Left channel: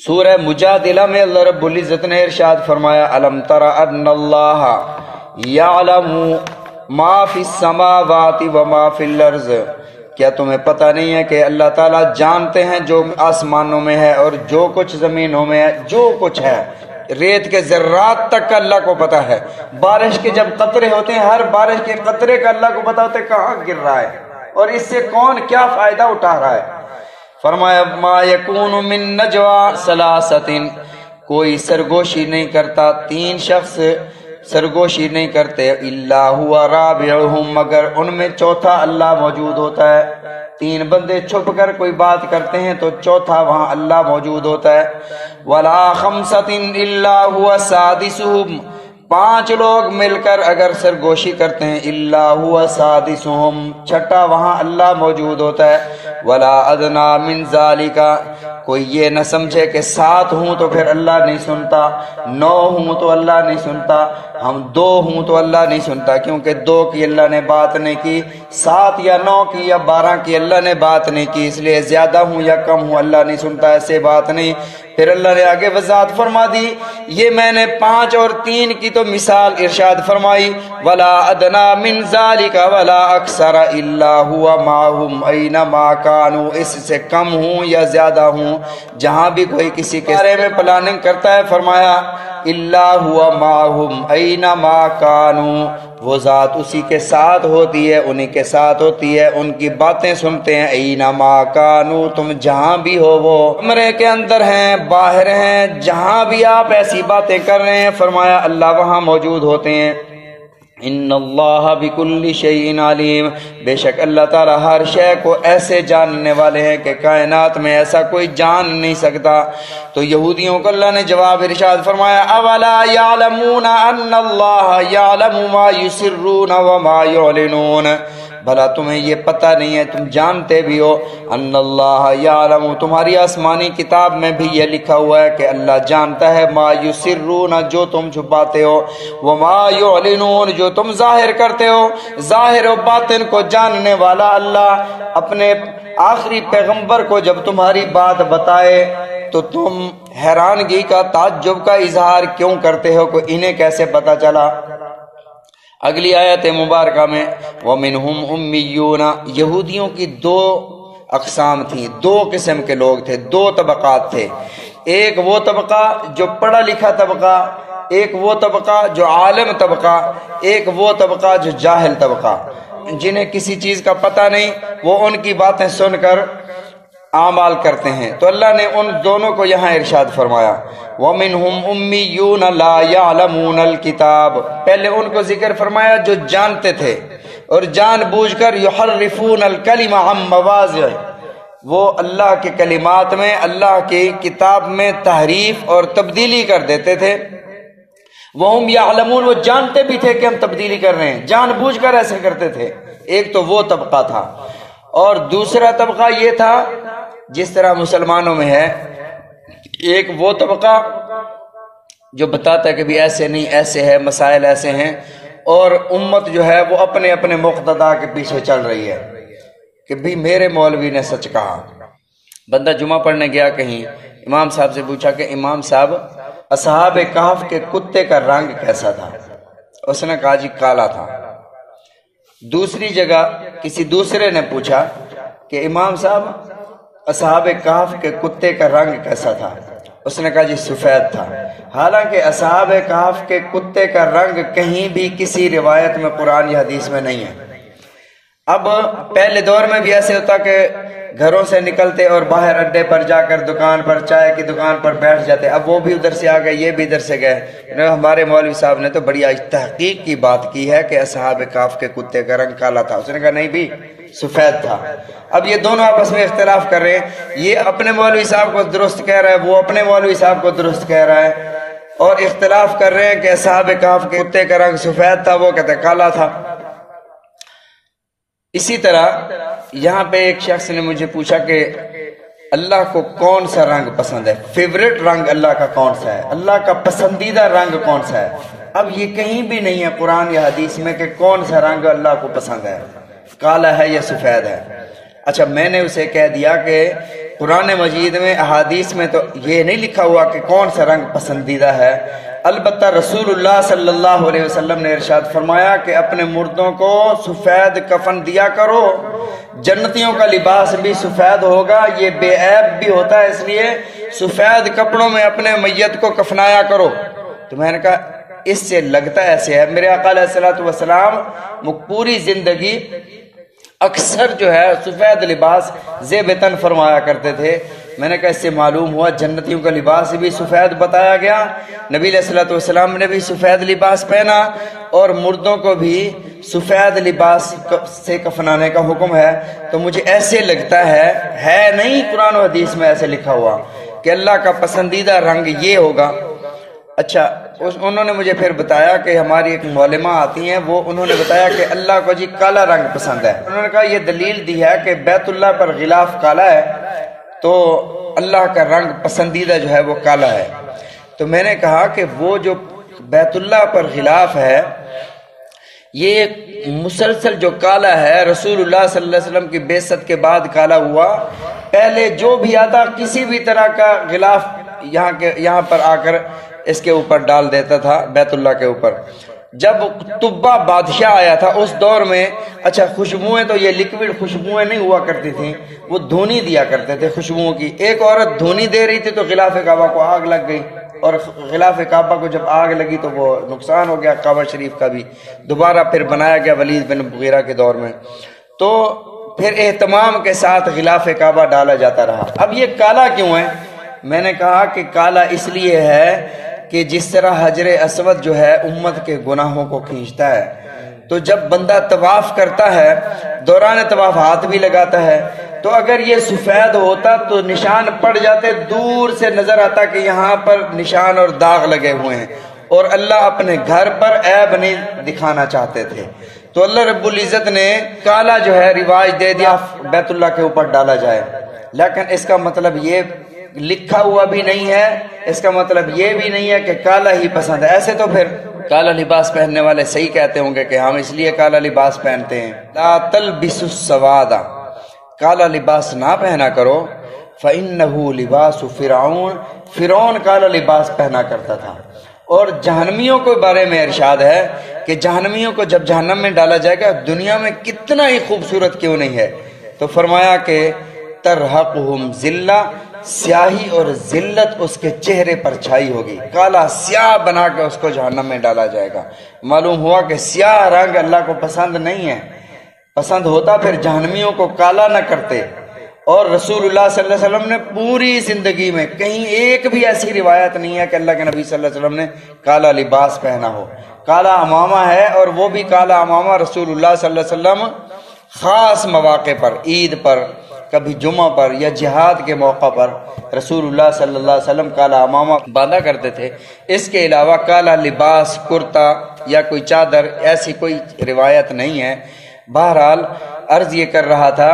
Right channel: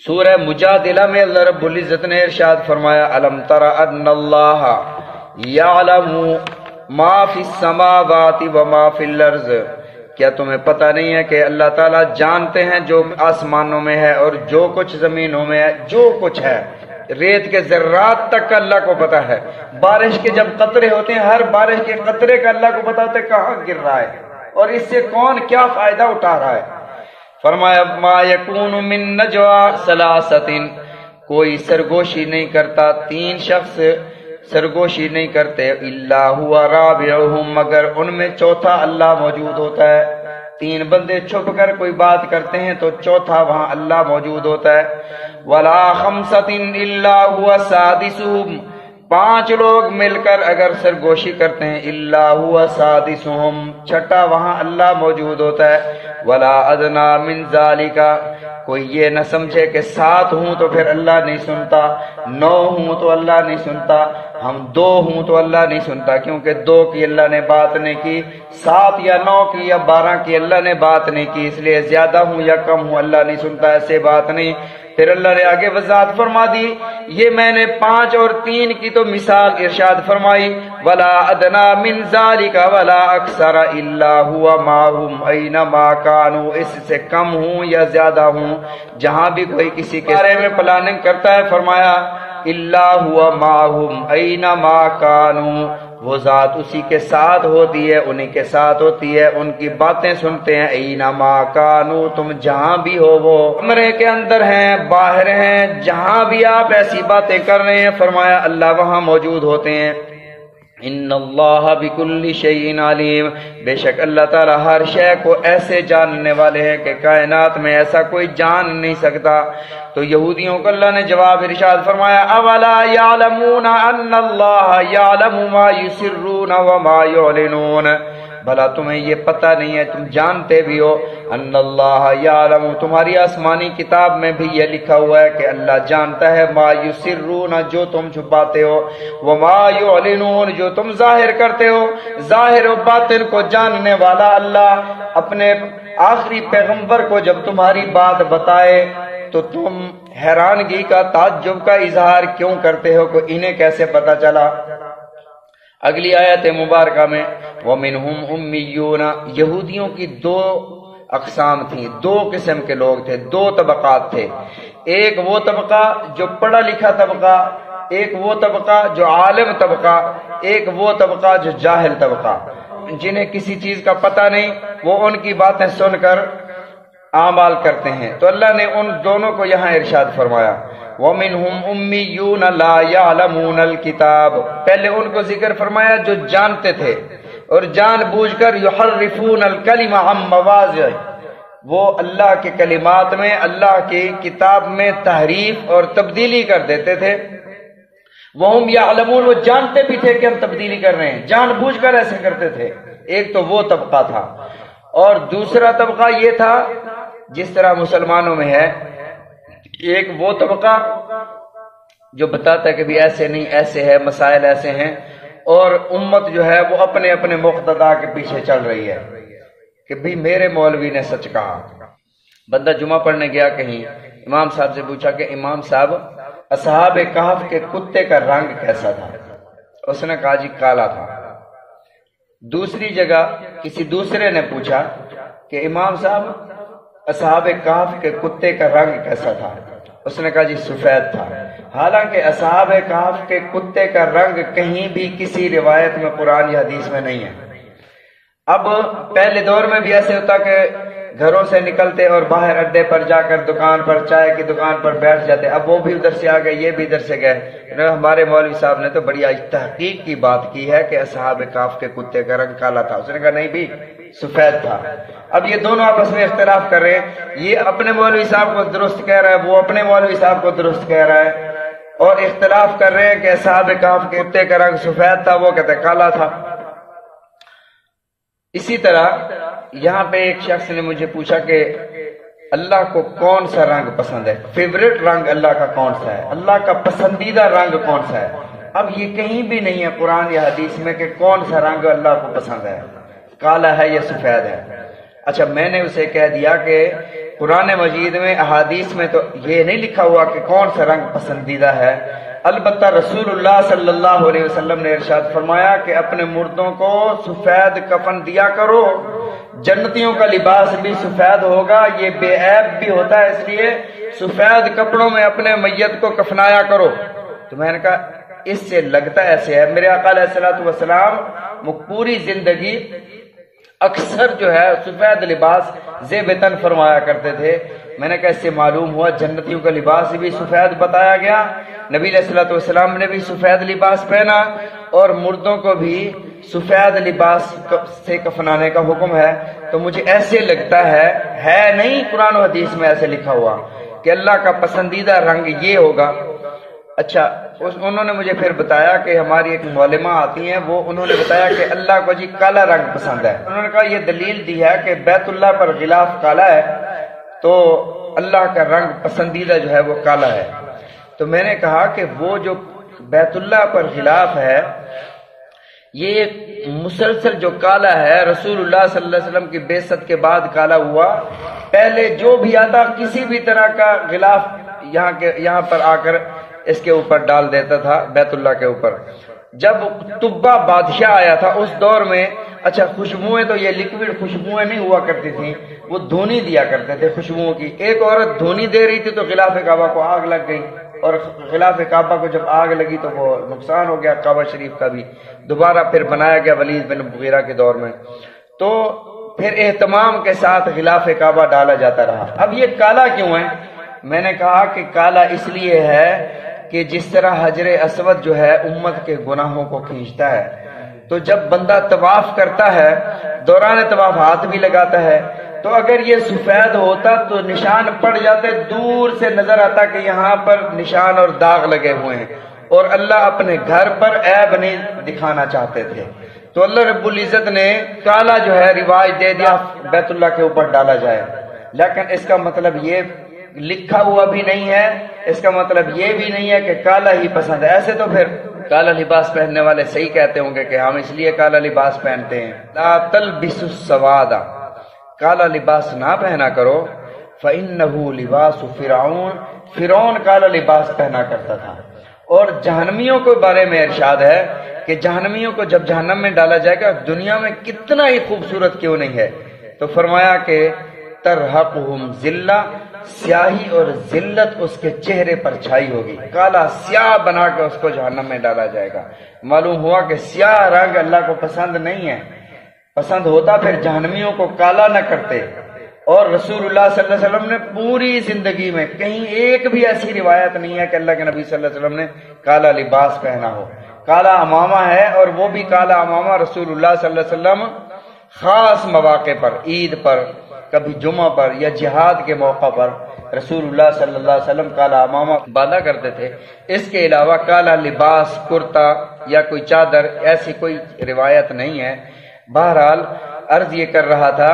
سورہ مجادلہ میں اللہ رب العزت نے ارشاد فرمایا الم تر ان اللہ یعلم ما فی السماوات و ما فی الارض، کیا تمہیں پتہ نہیں ہے کہ اللہ تعالیٰ جانتے ہیں جو آسمانوں میں ہے اور جو کچھ زمینوں میں ہے، جو کچھ ہے ریت کے ذرات تک کا اللہ کو پتہ ہے۔ بارش کے جب قطرے ہوتے ہیں، ہر بارش کے قطرے کا اللہ کو پتہ ہوتا ہے کہاں گر رہا ہے اور اس سے کون کیا فائدہ اٹھا رہا ہے۔ فرمایا ما یکون من نجوا ثلاثۃ، کوئی سرگوشی نہیں کرتا، تین شخص سرگوشی نہیں کرتے، الا ہوا رابعہم، مگر ان میں چوتھا اللہ موجود ہوتا ہے۔ تین بندے چھپ کر کوئی بات کرتے ہیں تو چوتھا وہاں اللہ موجود ہوتا ہے۔ ولا خمسۃ الا ہوا سادسہم، پانچ لوگ مل کر اگر سرگوشی کرتے ہیں الا ہوا سادسہم، چھٹا وہاں اللہ موجود ہوتا ہے۔ ولا ادنا من ذالک، کوئی یہ نہ سمجھے کہ 7 ہوں تو پھر اللہ نہیں سنتا، 9 ہوں تو اللہ نہیں سنتا، ہم 2 ہوں تو اللہ نہیں سنتا، کیونکہ 2 کی اللہ نے بات نہیں کی، 7 یا 9 کی یا 12 کی اللہ نے بات نہیں کی، اس لیے زیادہ ہوں یا کم ہوں اللہ نہیں سنتا، ایسے بات نہیں۔ پھر اللہ نے آگے وضاحت فرما دی، یہ میں نے 5 اور 3 کی تو مثال ارشاد فرمائی، ولا ادنا من ذالک ولا اکثر الا هو معهم اینما کانوا، اس سے کم ہوں یا زیادہ ہوں جہاں بھی کوئی کسی کے بارے میں پلاننگ کرتا ہے، فرمایا الا هو معهم اینما کانوا، وہ ذات اسی کے ساتھ ہوتی ہے، انہی کے ساتھ ہوتی ہے، ان کی باتیں سنتے ہیں، اینما کانوا، تم جہاں بھی ہو، وہ کمرے کے اندر ہیں، باہر ہیں، جہاں بھی آپ ایسی باتیں کر رہے ہیں، فرمایا اللہ وہاں موجود ہوتے ہیں۔ ان اللہ بکل شیء علیم، بے شک اللہ تعالی ہر شے کو ایسے جاننے والے ہیں کہ کائنات میں ایسا کوئی جان نہیں سکتا۔ تو یہودیوں کو اللہ نے جواب ارشاد فرمایا اولا یعلمون ان اللہ یعلم ما یسرون وما یعلنون، بھلا تمہیں یہ پتہ نہیں ہے، تم جانتے بھی ہو، ان اللہ یعلم، تمہاری آسمانی کتاب میں بھی یہ لکھا ہوا ہے کہ اللہ جانتا ہے، ما یسرون، جو تم چھپاتے ہو، وما یعلنون، جو تم ظاہر کرتے ہو، ظاہر و باطن کو جاننے والا اللہ اپنے آخری پیغمبر کو جب تمہاری بات بتائے تو تم حیرانگی کا، تعجب کا اظہار کیوں کرتے ہو کہ انہیں کیسے پتہ چلا؟ اگلی آیت مبارکہ میں وَمِنْهُمْ أُمِّيُّونَ، یہودیوں کی 2 اقسام تھیں، 2 قسم کے لوگ تھے، 2 طبقات تھے، ایک وہ طبقہ جو پڑھا لکھا طبقہ، ایک وہ طبقہ جو عالم طبقہ، ایک وہ طبقہ جو جاہل طبقہ، جنہیں کسی چیز کا پتہ نہیں، وہ ان کی باتیں سن کر اعمال کرتے ہیں۔ تو اللہ نے ان دونوں کو یہاں ارشاد فرمایا وَمِنْهُمْ أُمِّيُّونَ لَا يَعْلَمُونَ الْكِتَابَ، پہلے ان کو ذکر فرمایا جو جانتے تھے اور جان بوجھ کر يُحَرِّفُونَ الْكَلِمَ عَن مَّوَاضِعِهِ، وہ اللہ کے کلمات میں، اللہ کی کتاب میں تحریف اور تبدیلی کر دیتے تھے۔ وَهُمْ يَعْلَمُونَ، وہ جانتے بھی تھے کہ ہم تبدیلی کر رہے ہیں، جان بوجھ کر ایسے کرتے تھے۔ ایک تو وہ طبقہ تھا، اور دوسرا طبقہ یہ تھا جس طرح مسلمانوں میں ہے، ایک وہ طبقہ جو بتاتا ہے کہ بھی ایسے نہیں، ایسے ہے، مسائل ایسے ہیں، اور امت جو ہے وہ اپنے اپنے مقتدا کے پیچھے چل رہی ہے کہ بھی میرے مولوی نے سچ کہا۔ بندہ جمعہ پڑھنے گیا کہیں، امام صاحب سے پوچھا کہ امام صاحب اصحاب کہف کے کتے کا رنگ کیسا تھا؟ اس نے کہا جی کالا تھا۔ دوسری جگہ کسی دوسرے نے پوچھا کہ امام صاحب اصحاب کہف کے کتے کا رنگ کیسا تھا؟ اس نے کہا جی سفید تھا۔ حالانکہ اصحاب کہف کے کتے کا رنگ کہیں بھی کسی روایت میں قرآن یا حدیث میں نہیں ہے۔ اب پہلے دور میں بھی ایسے ہوتا کہ گھروں سے نکلتے اور باہر اڈے پر جا کر دکان پر، چائے کی دکان پر بیٹھ جاتے، اب وہ بھی ادھر سے آ گئے، یہ بھی ادھر سے گئے۔ ہمارے مولوی صاحب نے تو بڑی تحقیق کی بات کی ہے کہ اصحاب کہف کے کتے کا رنگ کالا تھا۔ اس نے کہا نہیں بھی سفید تھا۔ اب یہ دونوں آپس میں اختلاف کر رہے ہیں، یہ اپنے مولوی صاحب کو درست کہہ رہا ہے، وہ اپنے مولوی صاحب کو درست کہہ رہا ہے، اور اختلاف کر رہے ہیں کہ اصحاب کہف کے کتے کا رنگ سفید تھا، وہ کہتے کالا تھا۔ اسی طرح یہاں پہ ایک شخص نے مجھے پوچھا کہ اللہ کو کون سا رنگ پسند ہے، فیوریٹ رنگ اللہ کا کون سا ہے، اللہ کا پسندیدہ رنگ کون سا ہے؟ اب یہ کہیں بھی نہیں ہے قرآن یا حدیث میں کہ کون سا رنگ اللہ کو پسند ہے، کالا ہے یا سفید ہے۔ اچھا میں نے اسے کہہ دیا کہ قرآن مجید میں احادیث میں تو یہ نہیں لکھا ہوا کہ کون سا رنگ پسندیدہ ہے، البتہ رسول اللہ صلی اللہ علیہ وسلم نے ارشاد فرمایا کہ اپنے مردوں کو سفید کفن دیا کرو، جنتیوں کا لباس بھی سفید ہوگا، یہ بے عیب بھی ہوتا ہے، اس لیے سفید کپڑوں میں اپنے میت کو کفنایا کرو۔ تو میں نے کہا اس سے لگتا ایسے ہے، میرے آقا علیہ الصلوۃ والسلام وہ پوری زندگی اکثر جو ہے سفید لباس زیب تن فرمایا کرتے تھے۔ میں نے کہا اس سے معلوم ہوا جنتیوں کا لباس بھی سفید بتایا گیا، نبی علیہ الصلوۃ والسلام نے بھی سفید لباس پہنا، اور مردوں کو بھی سفید لباس سے کفنانے کا حکم ہے۔ تو مجھے ایسے لگتا ہے نہیں قرآن و حدیث میں ایسے لکھا ہوا کہ اللہ کا پسندیدہ رنگ یہ ہوگا۔ اچھا انہوں نے مجھے پھر بتایا کہ ہماری ایک معلمہ آتی ہیں، وہ انہوں نے بتایا کہ اللہ کو جی کالا رنگ پسند ہے۔ انہوں نے کہا یہ دلیل دی ہے کہ بیت اللہ پر غلاف کالا ہے، تو اللہ کا رنگ پسندیدہ جو ہے وہ کالا ہے۔ تو میں نے کہا کہ وہ جو بیت اللہ پر غلاف ہے یہ مسلسل جو کالا ہے رسول اللہ صلی اللہ علیہ وسلم کی بعثت کے بعد کالا ہوا، پہلے جو بھی آتا کسی بھی طرح کا غلاف یہاں پر آ کر اس کے اوپر ڈال دیتا تھا بیت اللہ کے اوپر۔ جب طبہ بادشاہ آیا تھا اس دور میں، اچھا خوشبوئیں تو یہ لیکوڈ خوشبوئیں نہیں ہوا کرتی تھیں، وہ دھونی دیا کرتے تھے خوشبوؤں کی۔ ایک عورت دھونی دے رہی تھی تو غلاف کعبہ کو آگ لگ گئی، اور غلاف کعبہ کو جب آگ لگی تو وہ نقصان ہو گیا کعبہ شریف کا بھی، دوبارہ پھر بنایا گیا ولید بن مغیرہ کے دور میں۔ تو پھر اہتمام کے ساتھ غلاف کعبہ ڈالا جاتا رہا۔ اب یہ کالا کیوں ہے؟ میں نے کہا کہ کالا اس لیے ہے کہ جس طرح حجر اسود جو ہے امت کے گناہوں کو کھینچتا ہے، تو جب بندہ طواف کرتا ہے دوران طواف ہاتھ بھی لگاتا ہے، تو اگر یہ سفید ہوتا تو نشان پڑ جاتے، دور سے نظر آتا کہ یہاں پر نشان اور داغ لگے ہوئے ہیں، اور اللہ اپنے گھر پر عیب نہیں دکھانا چاہتے تھے۔ تو اللہ رب العزت نے کالا جو ہے رواج دے دیا بیت اللہ کے اوپر ڈالا جائے، لیکن اس کا مطلب یہ لکھا ہوا بھی نہیں ہے، اس کا مطلب یہ بھی نہیں ہے کہ کالا ہی پسند ہے۔ ایسے تو پھر کالا لباس پہننے والے صحیح کہتے ہوں گے کہ ہم اس لیے کالا لباس پہنتے ہیں۔ لا تلبسوا السواد، کالا لباس نہ پہنا کرو، فإنه لباس فرعون، فرعون کالا لباس پہنا کرتا تھا۔ اور جہنمیوں کے بارے میں ارشاد ہے کہ جہنمیوں کو جب جہنم میں ڈالا جائے گا دنیا میں کتنا ہی خوبصورت کیوں نہیں ہے، تو فرمایا کہ ترحقہم ذلہ، سیاہی اور ذلت اس کے چہرے پر چھائی ہوگی، کالا سیاہ بنا کے اس کو جہنم میں ڈالا جائے گا۔ معلوم ہوا کہ سیاہ رنگ اللہ کو پسند نہیں ہے، پسند ہوتا پھر جہنمیوں کو کالا نہ کرتے۔ اور رسول اللہ صلی اللہ علیہ وسلم نے پوری زندگی میں کہیں ایک بھی ایسی روایت نہیں ہے کہ اللہ کے نبی صلی اللہ علیہ وسلم نے کالا لباس پہنا ہو۔ کالا امامہ ہے، اور وہ بھی کالا امامہ رسول اللہ صلی اللہ علیہ وسلم خاص مواقع پر، عید پر، کبھی جمعہ پر یا جہاد کے موقع پر رسول اللہ صلی اللہ علیہ وسلم کالا امامہ باندھا کرتے تھے۔ اس کے علاوہ کالا لباس، کرتا یا کوئی چادر ایسی کوئی روایت نہیں ہے۔ بہرحال عرض یہ کر رہا تھا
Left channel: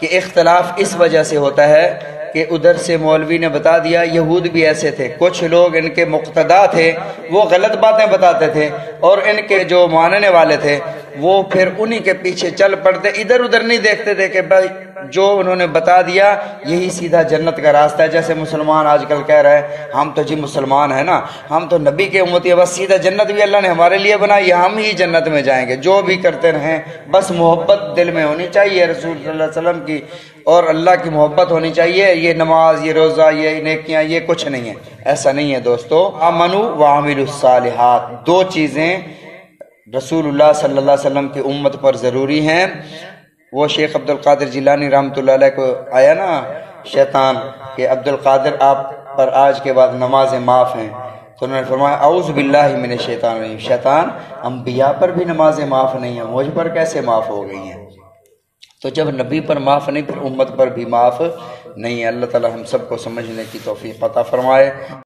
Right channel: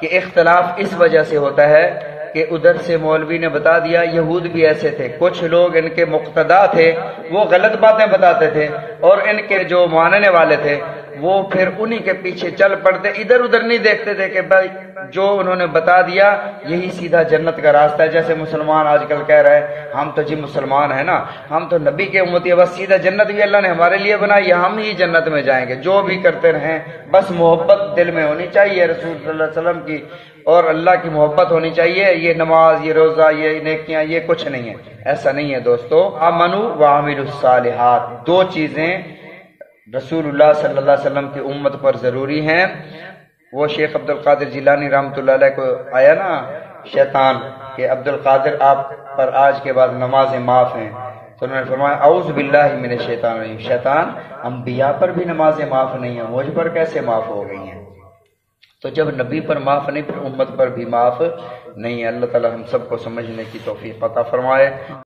کہ اختلاف اس وجہ سے ہوتا ہے کہ ادھر سے مولوی نے بتا دیا، یہود بھی ایسے تھے، کچھ لوگ ان کے مقتدا تھے وہ غلط باتیں بتاتے تھے، اور ان کے جو ماننے والے تھے وہ پھر انہی کے پیچھے چل پڑتے، ادھر ادھر نہیں دیکھتے تھے کہ بھائی جو انہوں نے بتا دیا یہی سیدھا جنت کا راستہ ہے۔ جیسے مسلمان آج کل کہہ رہے ہیں ہم تو جی مسلمان ہیں نا، ہم تو نبی کے امتی ہیں، بس سیدھا جنت بھی اللہ نے ہمارے لیے بنائی ہے، ہم ہی جنت میں جائیں گے، جو بھی کرتے رہیں بس محبت دل میں ہونی چاہیے رسول صلی اللہ علیہ وسلم کی، اور اللہ کی محبت ہونی چاہیے، یہ نماز، یہ روزہ، یہ نیکیاں، یہ کچھ نہیں ہے، ایسا نہیں ہے دوستو۔ آمنوا وعملوا الصالحات، دو چیزیں رسول اللہ صلی اللہ علیہ وسلم کی امت پر ضروری ہیں۔ وہ شیخ عبد القادر جیلانی رحمۃ اللہ علیہ کو آیا نا شیطان کہ عبد القادر آپ پر آج کے بعد نمازیں معاف ہیں، تو انہوں نے فرمایا اعوذ باللہ من الشیطان الرجیم، شیطان انبیاء پر بھی نمازیں معاف نہیں ہیں، مجھ پر کیسے معاف ہو گئی ہیں؟ تو جب نبی پر معاف نہیں پھر امت پر بھی معاف نہیں ہے۔ اللہ تعالی ہم سب کو سمجھنے کی توفیق عطا فرمائے۔